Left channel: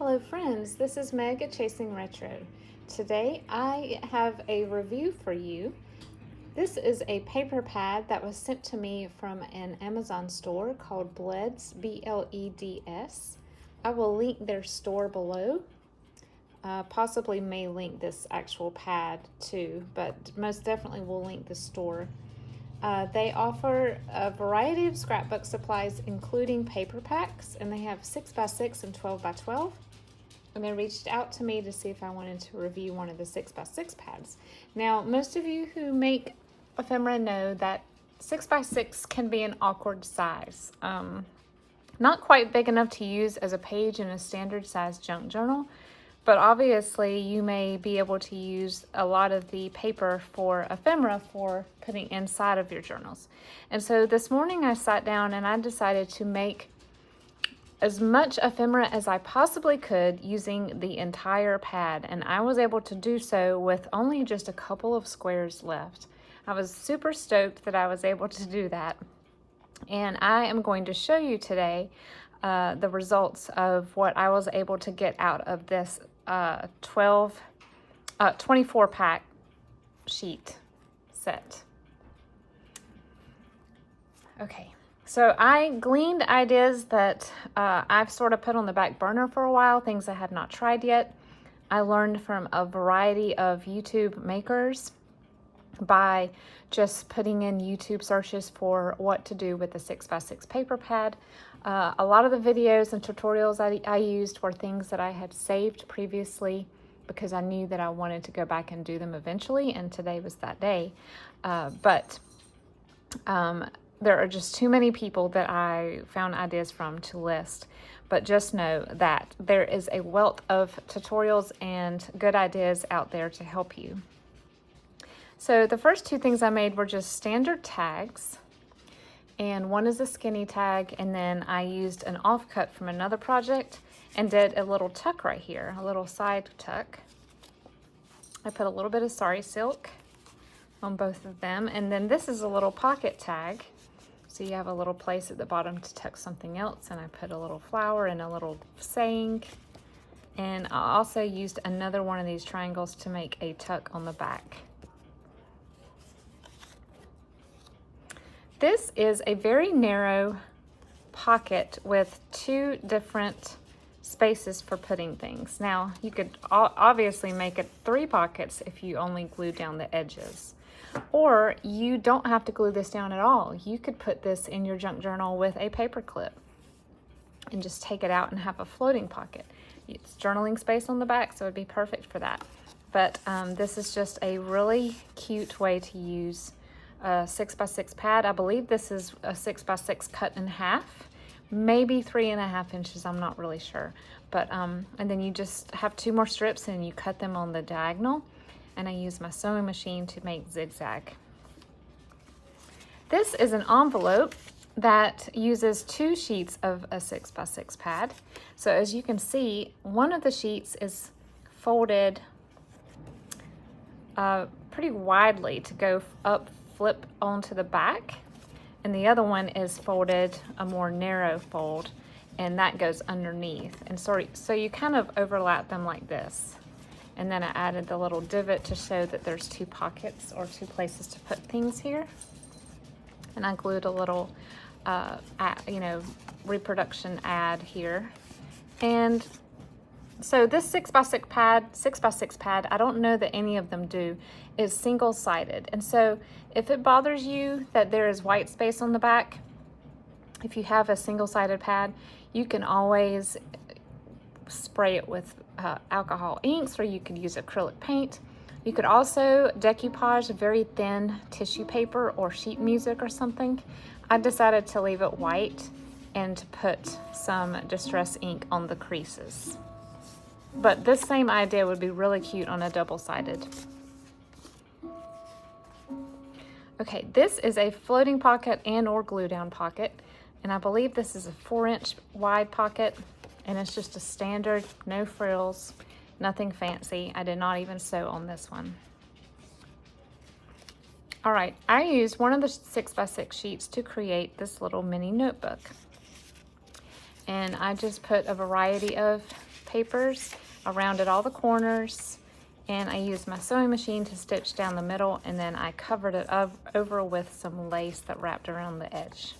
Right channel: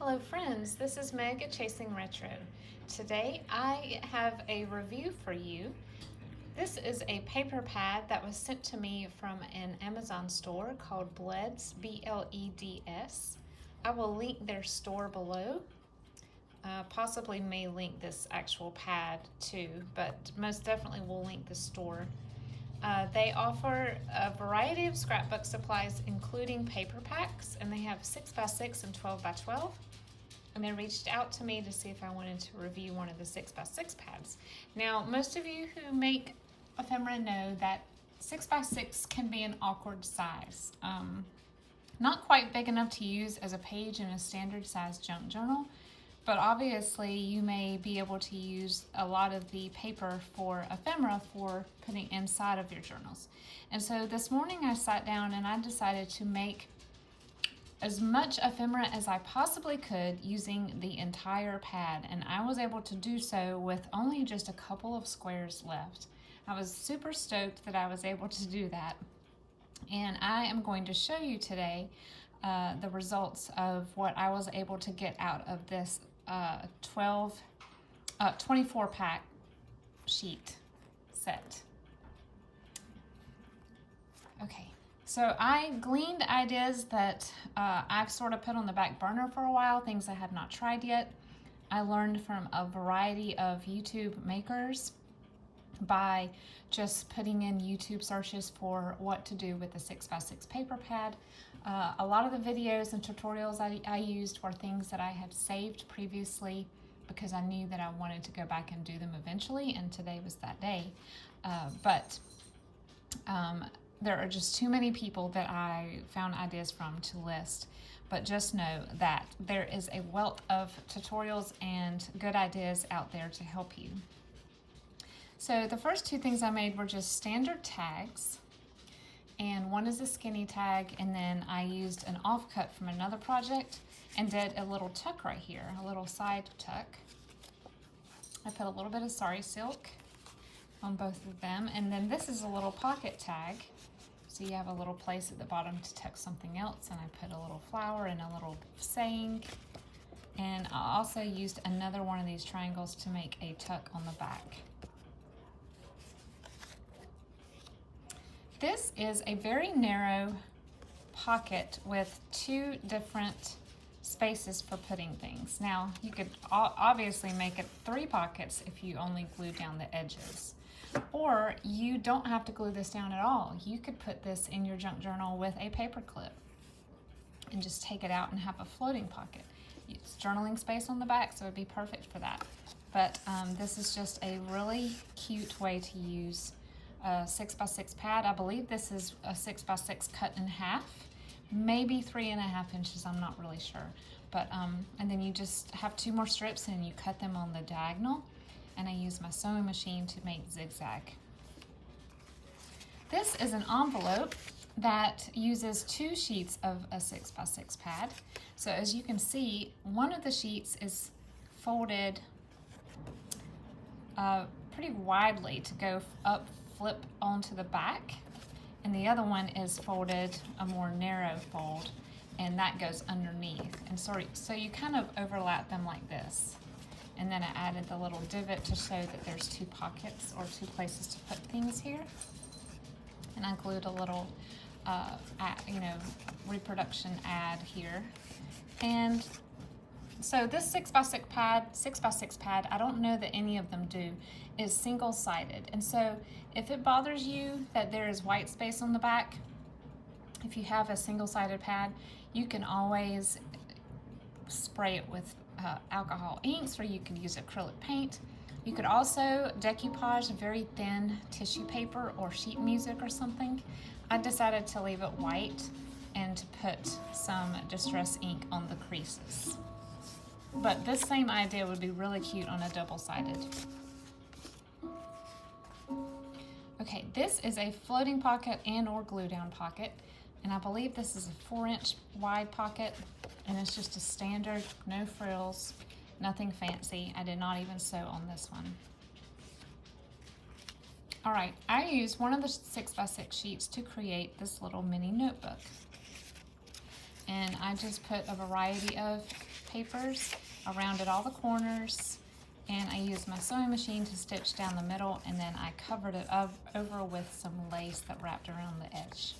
Hello friends, this is Meg at Chasing Retro. Today I have a review for you. This is a paper pad that was sent to me from an Amazon store called Bleds, B-L-E-D-S. I will link their store below. Possibly may link this actual pad too, but most definitely will link the store. They offer a variety of scrapbook supplies, including paper packs, and they have 6x6 and 12x12. And they reached out to me to see if I wanted to review one of the 6x6 pads. Now, most of you who make ephemera know that 6x6 can be an awkward size. Not quite big enough to use as a page in a standard size junk journal, but obviously you may be able to use a lot of the paper for ephemera for putting inside of your journals. And so this morning I sat down and I decided to make as much ephemera as I possibly could using the entire pad, and I was able to do so with only just a couple of squares left. I was super stoked that I was able to do that, and I am going to show you today the results of what I was able to get out of this 24 pack sheet set. Okay. So I gleaned ideas that I've sort of put on the back burner for a while, things I had not tried yet. I learned from a variety of YouTube makers by just putting in YouTube searches for what to do with the 6x6 paper pad. A lot of the videos and tutorials I used were things that I had saved previously because I knew that I wanted to go back and do them eventually, and today was that day. There are just too many people that I found ideas from to list, but just know that there is a wealth of tutorials and good ideas out there to help you. So the first two things I made were just standard tags, and one is a skinny tag, and then I used an offcut from another project and did a little tuck right here, a little side tuck. I put a little bit of sari silk on both of them, and then this is a little pocket tag. So you have a little place at the bottom to tuck something else, and I put a little flower and a little saying. And I also used another one of these triangles to make a tuck on the back. This is a very narrow pocket with two different spaces for putting things. Now, you could obviously make it 3 pockets if you only glue down the edges. Or you don't have to glue this down at all. You could put this in your junk journal with a paper clip and just take it out and have a floating pocket. It's journaling space on the back, so it'd be perfect for that. But this is just a really cute way to use a 6x6 pad. I believe this is a 6x6 cut in half, maybe 3.5 inches, I'm not really sure. But and then you just have 2 more strips and you cut them on the diagonal. And I use my sewing machine to make zigzag. This is an envelope that uses 2 sheets of a 6x6 pad. So as you can see, one of the sheets is folded pretty widely to go up, flip onto the back, and the other one is folded a more narrow fold, and that goes underneath. And so you kind of overlap them like this. And then I added the little divot to show that there's 2 pockets or 2 places to put things here. And I glued a little, reproduction ad here. And so this 6x6 pad, I don't know that any of them do, is single-sided. And so if it bothers you that there is white space on the back, if you have a single-sided pad, you can always spray it with alcohol inks, or you could use acrylic paint. You could also decoupage very thin tissue paper or sheet music or something. I decided to leave it white and to put some distress ink on the creases. But this same idea would be really cute on a double-sided. Okay, this is a floating pocket and or glue down pocket, and I believe this is a 4-inch wide pocket. And it's just a standard, no frills, nothing fancy. I did not even sew on this one. All right, I used one of the 6x6 sheets to create this little mini notebook. And I just put a variety of papers. I rounded all the corners, and I used my sewing machine to stitch down the middle, and then I covered it over with some lace that wrapped around the edge.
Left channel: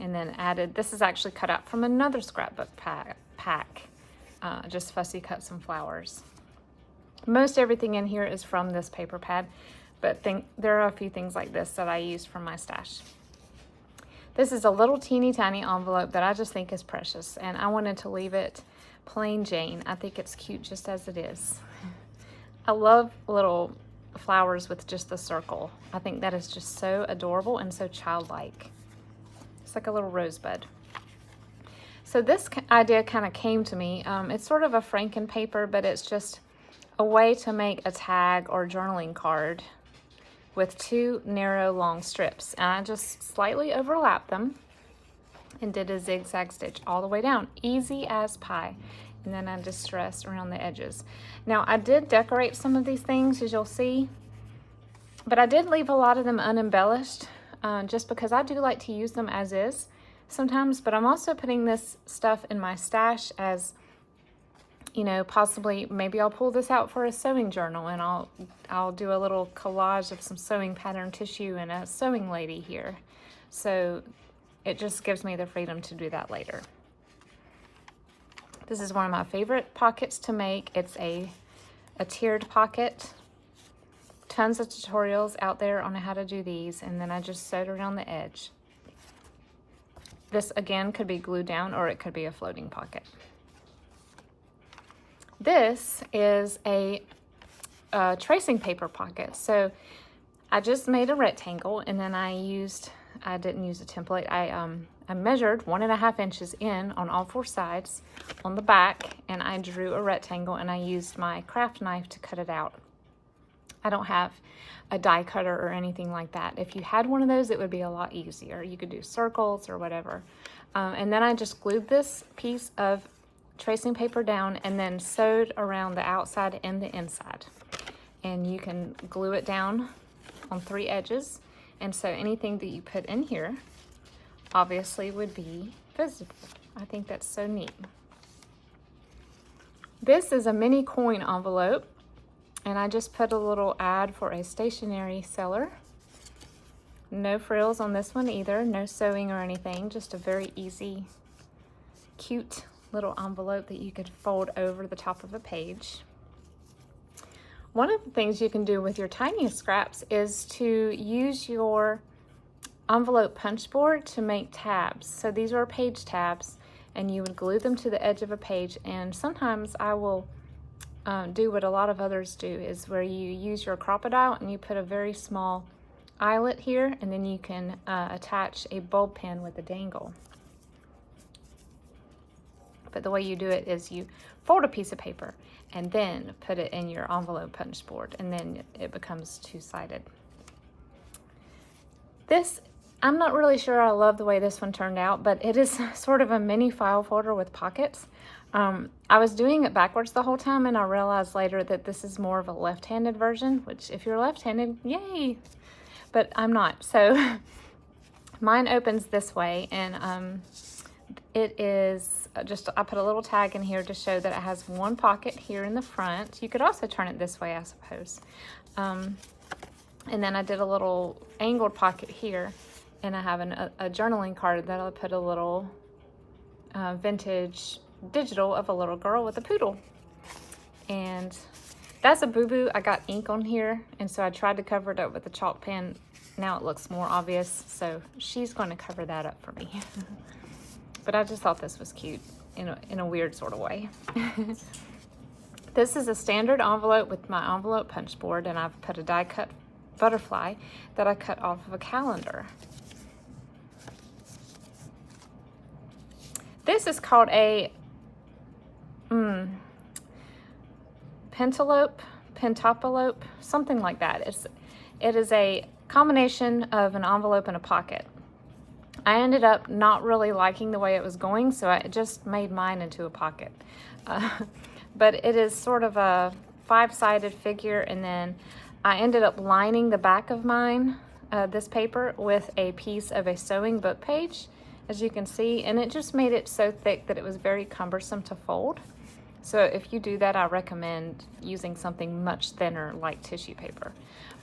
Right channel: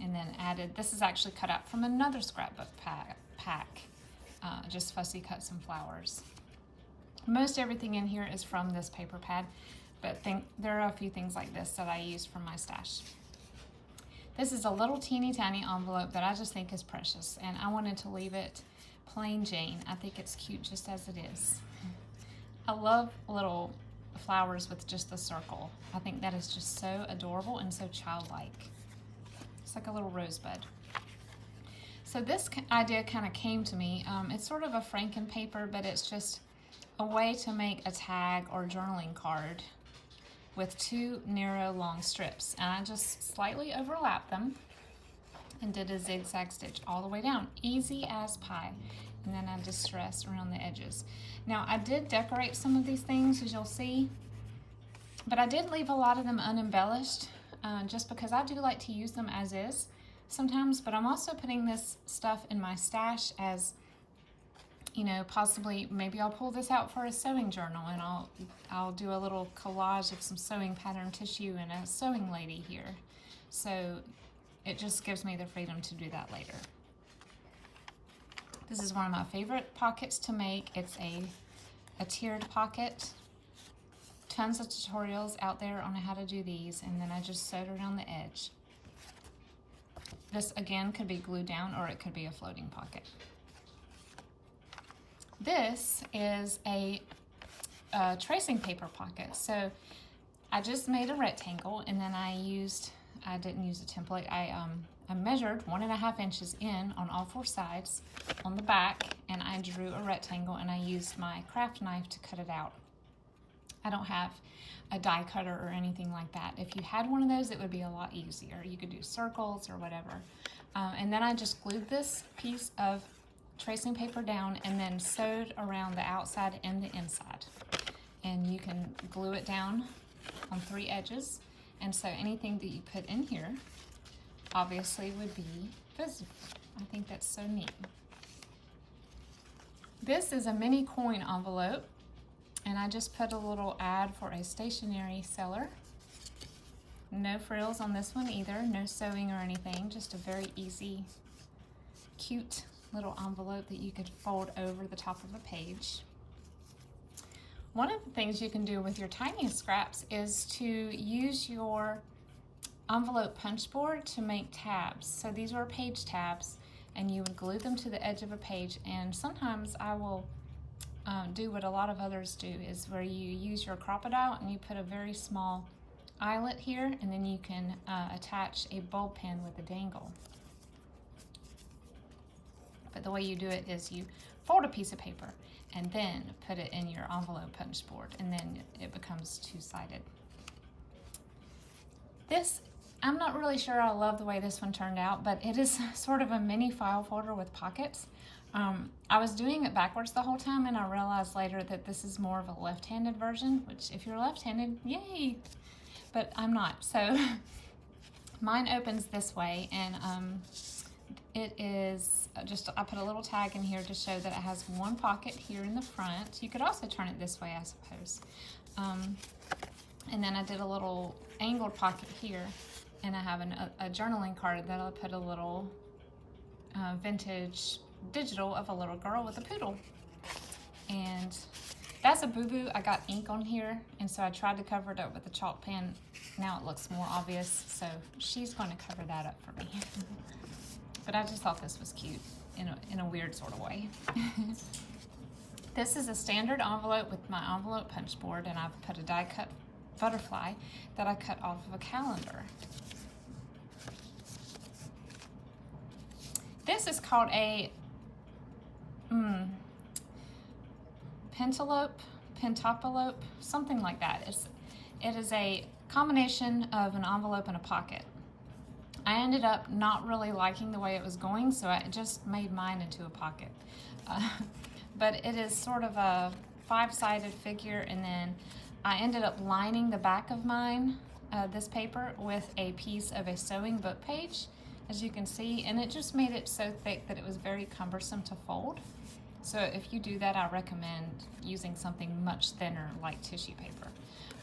And then added, this is actually cut out from another scrapbook pack. Just fussy cut some flowers. Most everything in here is from this paper pad, but there are a few things like this that I used from my stash. This is a little teeny tiny envelope that I just think is precious, and I wanted to leave it plain Jane. I think it's cute just as it is. I love little flowers with just the circle. I think that is just so adorable and so childlike. It's like a little rosebud. So this idea kind of came to me. It's sort of a Franken paper, but it's just a way to make a tag or journaling card with two narrow long strips. And I just slightly overlapped them and did a zigzag stitch all the way down, easy as pie. And then I distressed around the edges. Now I did decorate some of these things, as you'll see, but I did leave a lot of them unembellished, just because I do like to use them as is sometimes. But I'm also putting this stuff in my stash as, you know, possibly maybe I'll pull this out for a sewing journal, and I'll do a little collage of some sewing pattern tissue and a sewing lady here. So it just gives me the freedom to do that later. This is one of my favorite pockets to make. It's a tiered pocket. Tons of tutorials out there on how to do these, and then I just sewed around the edge. This again could be glued down, or it could be a floating pocket. This is a tracing paper pocket. So I just made a rectangle, and then I didn't use a template. I measured 1.5 inches in on all 4 sides on the back, and I drew a rectangle, and I used my craft knife to cut it out. I don't have a die cutter or anything like that. If you had one of those, it would be a lot easier. You could do circles or whatever. And then I just glued this piece of tracing paper down and then sewed around the outside and the inside. And you can glue it down on 3 edges. And so anything that you put in here obviously would be visible. I think that's so neat. This is a mini coin envelope, and I just put a little ad for a stationery seller. No frills on this one either, no sewing or anything, just a very easy, cute little envelope that you could fold over the top of a page. One of the things you can do with your tiniest scraps is to use your envelope punch board to make tabs. So these are page tabs, and you would glue them to the edge of a page. And sometimes I will do what a lot of others do, is where you use your crocodile and you put a very small eyelet here, and then you can attach a bulb pin with a dangle. But the way you do it is you fold a piece of paper and then put it in your envelope punch board, and then it becomes two-sided. This, I'm not really sure I love the way this one turned out, but it is sort of a mini file folder with pockets. I was doing it backwards the whole time, and I realized later that this is more of a left-handed version, which if you're left-handed, yay! But I'm not. So mine opens this way, and it is just, I put a little tag in here to show that it has one pocket here in the front. You could also turn it this way, I suppose. And then I did a little angled pocket here, and I have a journaling card that I put a little vintage digital of a little girl with a poodle. And that's a boo-boo. I got ink on here, and so I tried to cover it up with a chalk pen. Now it looks more obvious, so she's going to cover that up for me. But I just thought this was cute in a weird sort of way. This is a standard envelope with my envelope punch board, and I've put a die cut butterfly that I cut off of a calendar. This is called a pentaplope, something like that. It is a combination of an envelope and a pocket. I ended up not really liking the way it was going, so I just made mine into a pocket. But it is sort of a 5-sided figure, and then I ended up lining the back of mine, this paper, with a piece of a sewing book page, as you can see, and it just made it so thick that it was very cumbersome to fold. So if you do that, I recommend using something much thinner like tissue paper.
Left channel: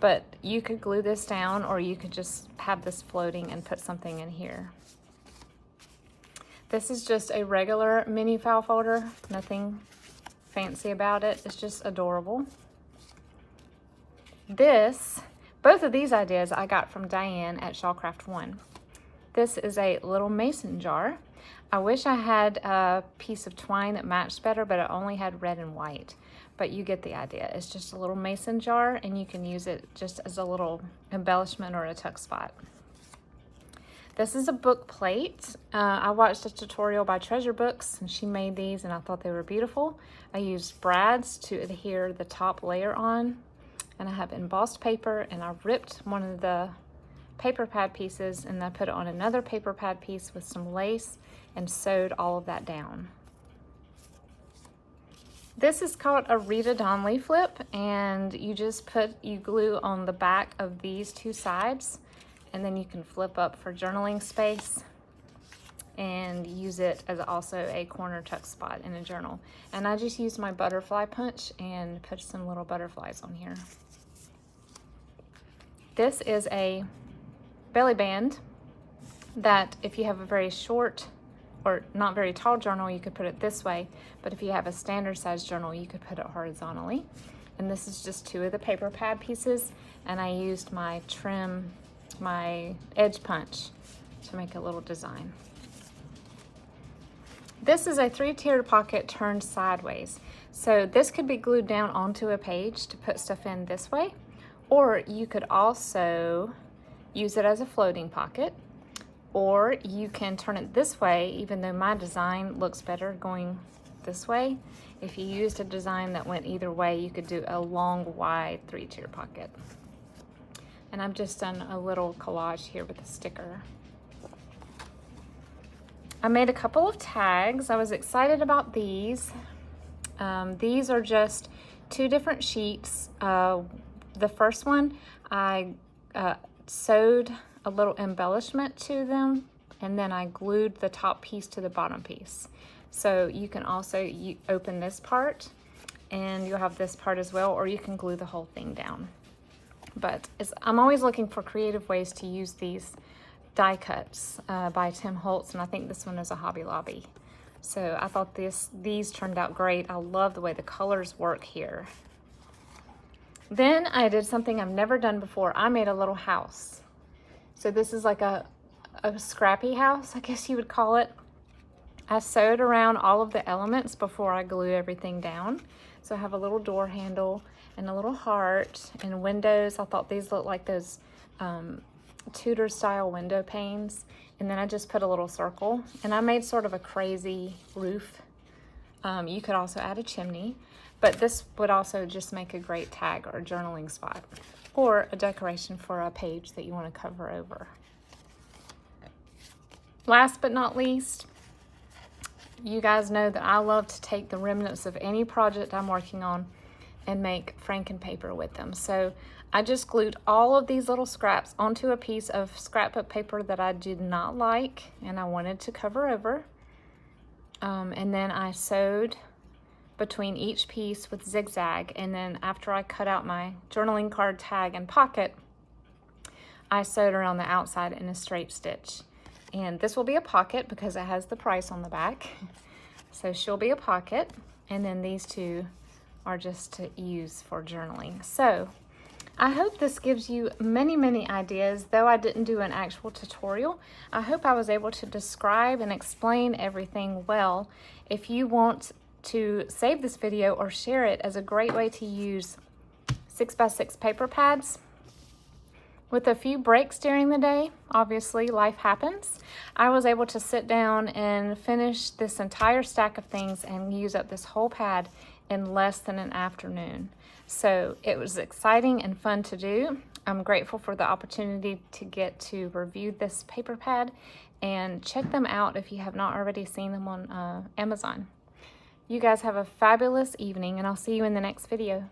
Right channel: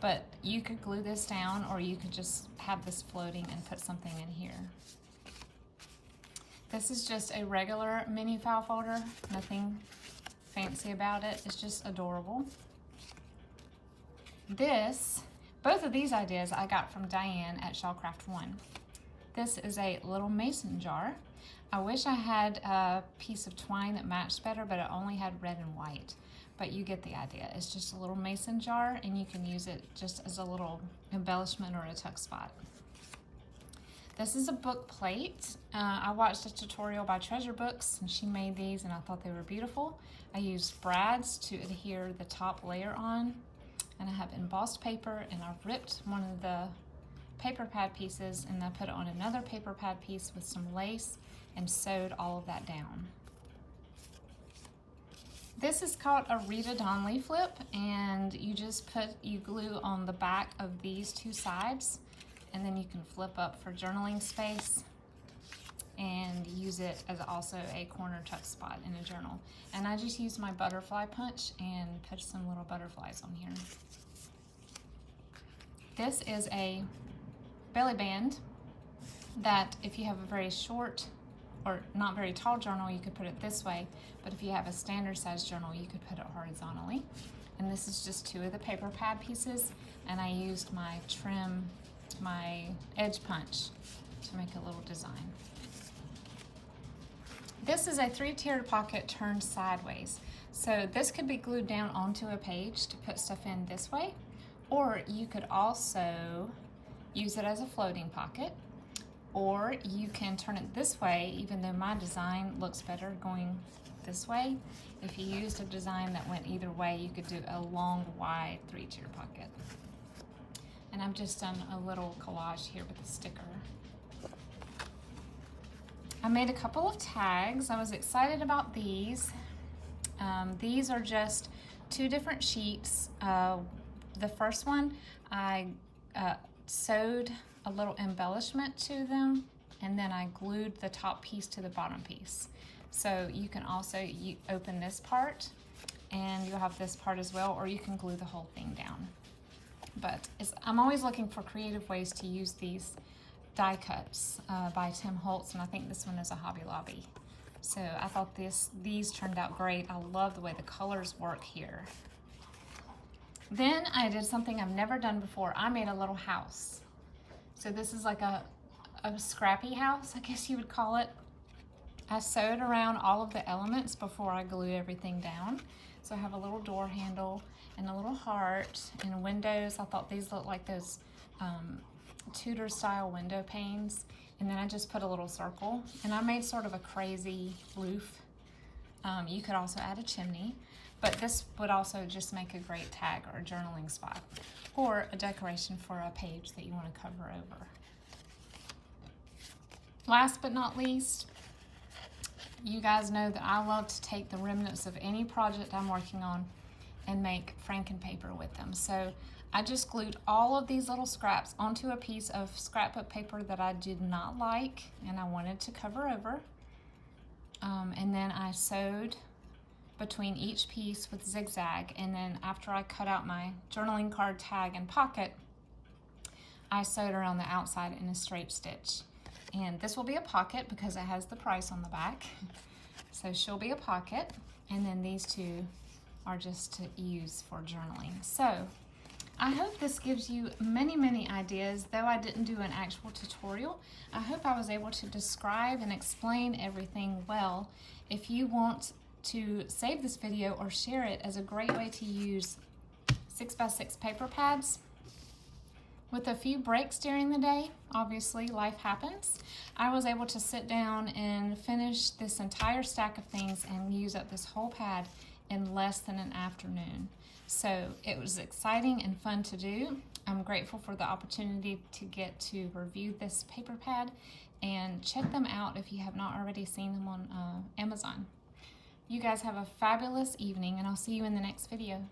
But you could glue this down, or you could just have this floating and put something in here. This is just a regular mini file folder, nothing fancy about it. It's just adorable. Both of these ideas I got from Diane at Shawcraft 1. This is a little mason jar. I wish I had a piece of twine that matched better, but it only had red and white. But you get the idea. It's just a little mason jar, and you can use it just as a little embellishment or a tuck spot. This is a book plate. I watched a tutorial by Treasure Books, and she made these, and I thought they were beautiful. I used brads to adhere the top layer on, and I have embossed paper, and I ripped one of the paper pad pieces, and I put it on another paper pad piece with some lace and sewed all of that down. This is called a Rita Donnelly flip, and you glue on the back of these two sides, and then you can flip up for journaling space and use it as also a corner tuck spot in a journal. And I just used my butterfly punch and put some little butterflies on here. This is a belly band that if you have a very short or not very tall journal, you could put it this way, but if you have a standard size journal, you could put it horizontally. And this is just two of the paper pad pieces, and I used my edge punch to make a little design. This is a 3-tiered pocket turned sideways. So this could be glued down onto a page to put stuff in this way, or you could also use it as a floating pocket, or you can turn it this way, even though my design looks better going this way. If you used a design that went either way, you could do a long, wide 3-tier pocket. And I've just done a little collage here with a sticker. I made a couple of tags. I was excited about these. These are just 2 different sheets. The first one, I sewed a little embellishment to them, and then I glued the top piece to the bottom piece. So you can also open this part, and you'll have this part as well, or you can glue the whole thing down. But I'm always looking for creative ways to use these die cuts by Tim Holtz, and I think this one is a Hobby Lobby. So I thought these turned out great. I love the way the colors work here. Then I did something I've never done before. I made a little house. So this is like a scrappy house, I guess you would call it. I sewed around all of the elements before I glue everything down. So I have a little door handle and a little heart and windows. I thought these looked like those Tudor style window panes. And then I just put a little circle, and I made sort of a crazy roof. You could also add a chimney, but this would also just make a great tag or a journaling spot, or a decoration for a page that you want to cover over. Last but not least, you guys know that I love to take the remnants of any project I'm working on and make Franken paper with them. So I just glued all of these little scraps onto a piece of scrapbook paper that I did not like and I wanted to cover over. And then I sewed between each piece with zigzag, and then after I cut out my journaling card tag and pocket, I sewed around the outside in a straight stitch. And this will be a pocket because it has the price on the back. So she'll be a pocket, and then these two are just to use for journaling. So I hope this gives you many, many ideas. Though I didn't do an actual tutorial, I hope I was able to describe and explain everything well. If you want to save this video or share it as a great way to use 6x6 paper pads, with a few breaks during the day, obviously life happens, I was able to sit down and finish this entire stack of things and use up this whole pad in less than an afternoon. So it was exciting and fun to do. I'm grateful for the opportunity to get to review this paper pad, and check them out if you have not already seen them on Amazon. You guys have a fabulous evening, and I'll see you in the next video.